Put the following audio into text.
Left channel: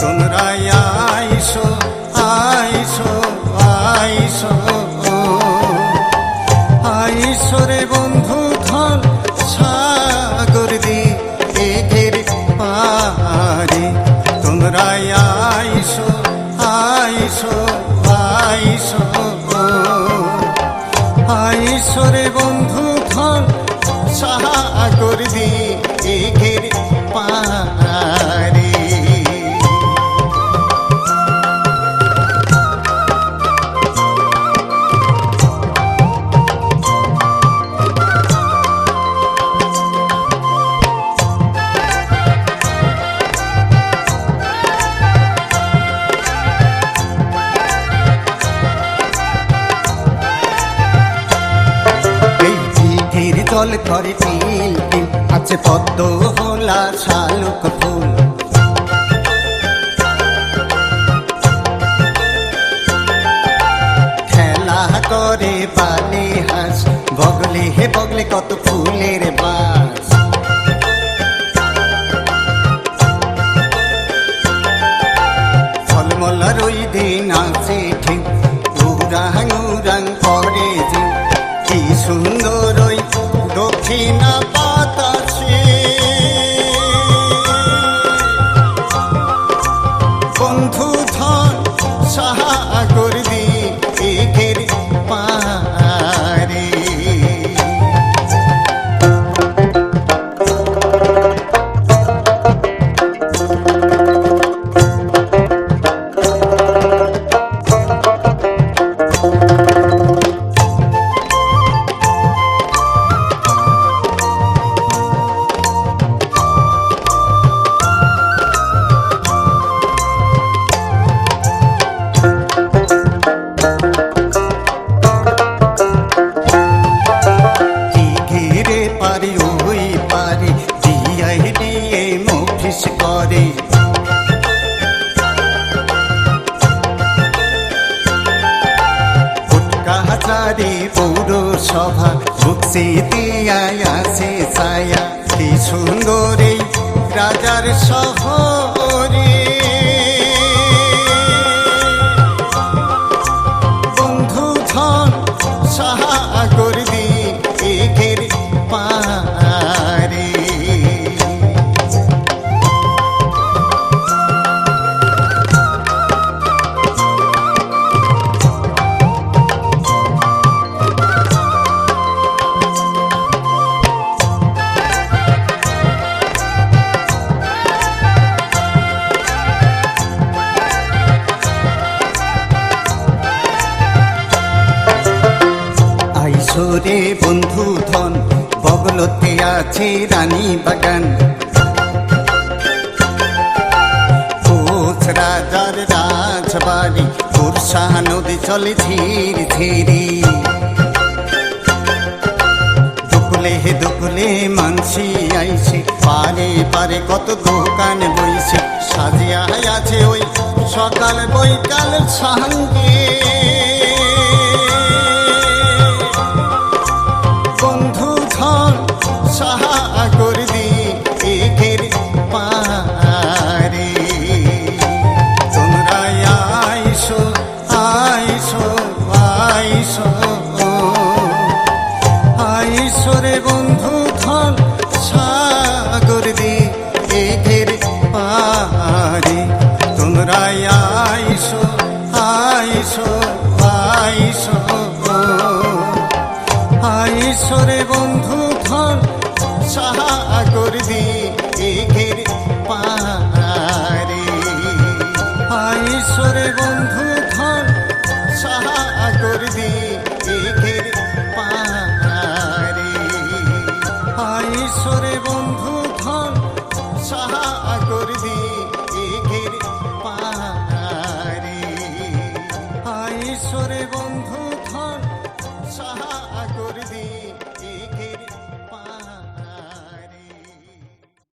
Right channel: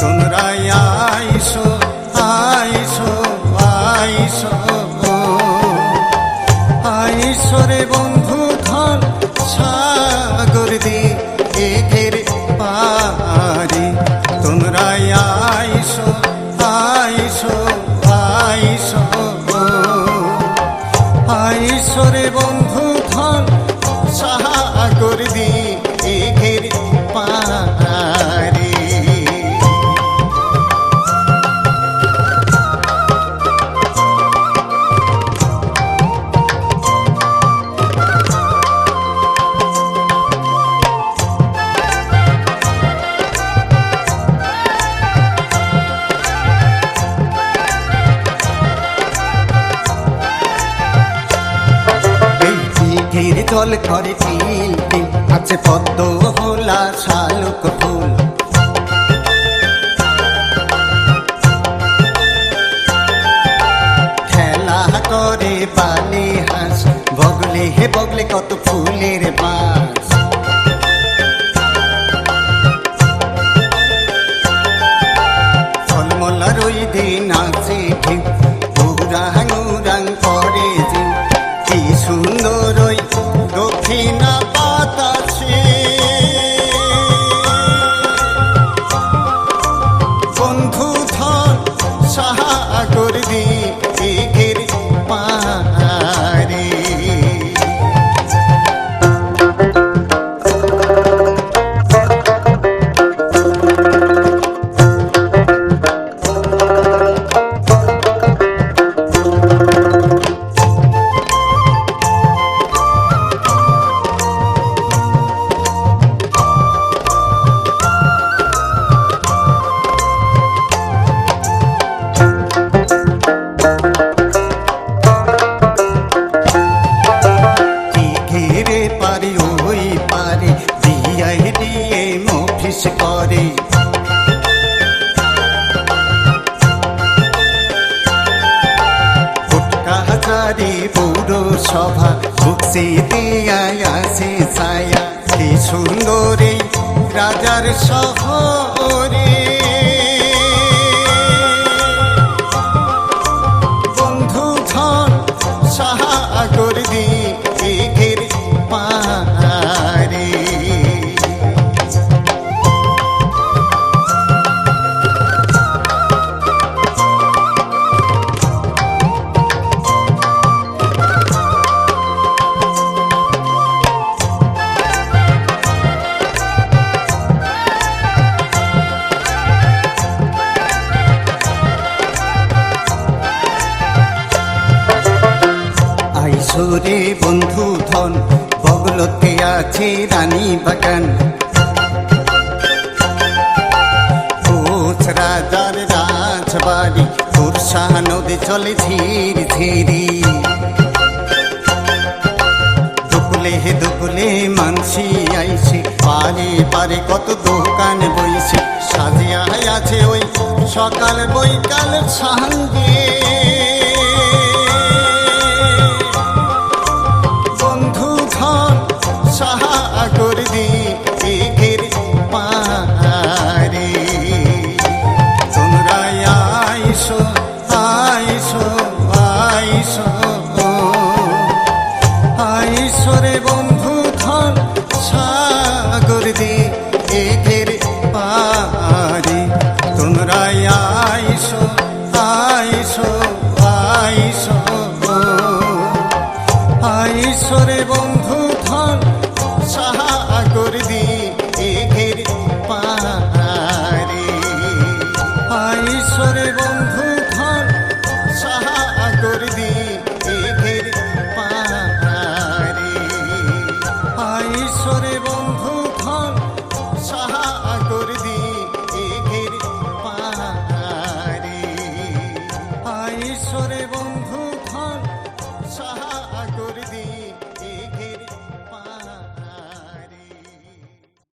তোমরা আইসো আইসো আইসো আইসো রে বন্ধু ধন সাগর দিঘির পারে। তোমরা আইসো আইসো আইসো আইসো রে বন্ধু ধন সাগর দিঘির পারে। দিঘির জল করে তিল তিল, আছে পদ্ম হোলা শালুক ফুল। খেলা করে বালি হাঁস, বগলে হে বগলে কত ফুলের বাস। ঝলমলা রই দিন আছে ঠিক, উরাং উরাং করে যে কি সুন্দর ওই দক্ষিণা বাতাসে। বন্ধু ধন সাগর দিঘির পারে। ঘিরে পারে ওই পারে দিয়াই দিয়ে মফিস করে। ফুটকাচারি পৌরসভা বুকসি দিয়াই আছে ছায়া। কি সুন্দর এই রাজার শহরে। বন্ধু ধন সাগর দিঘির পারে। আইসো রে বন্ধু ধন, বগলতে আছে রানী বাগান। কোচ রাজার রাজবাড়ি, পুরসা নদী চলে ধীর ধীরে। দুকুলে হে দুকুলে মানসি আইছে, পারে পারে কত দোকান বইছে। সাজিয়া আছে ওই সকাল বৈকাল সঙ্গে। বন্ধু ধন সাগর দিঘির পারে। তোমরা আইসো আইসো আইসো আইসো রে বন্ধু ধন সাগর দিঘির পারে। তোমরা আইসো আইসো আইসো আইসো রে বন্ধু ধন সাগর দিঘির পারে। আইসো রে বন্ধু ধন সাগর দিঘির পারে। আইসো রে বন্ধু ধন সাগর দিঘির পারে। আইসো রে বন্ধু ধন সাগর দিঘের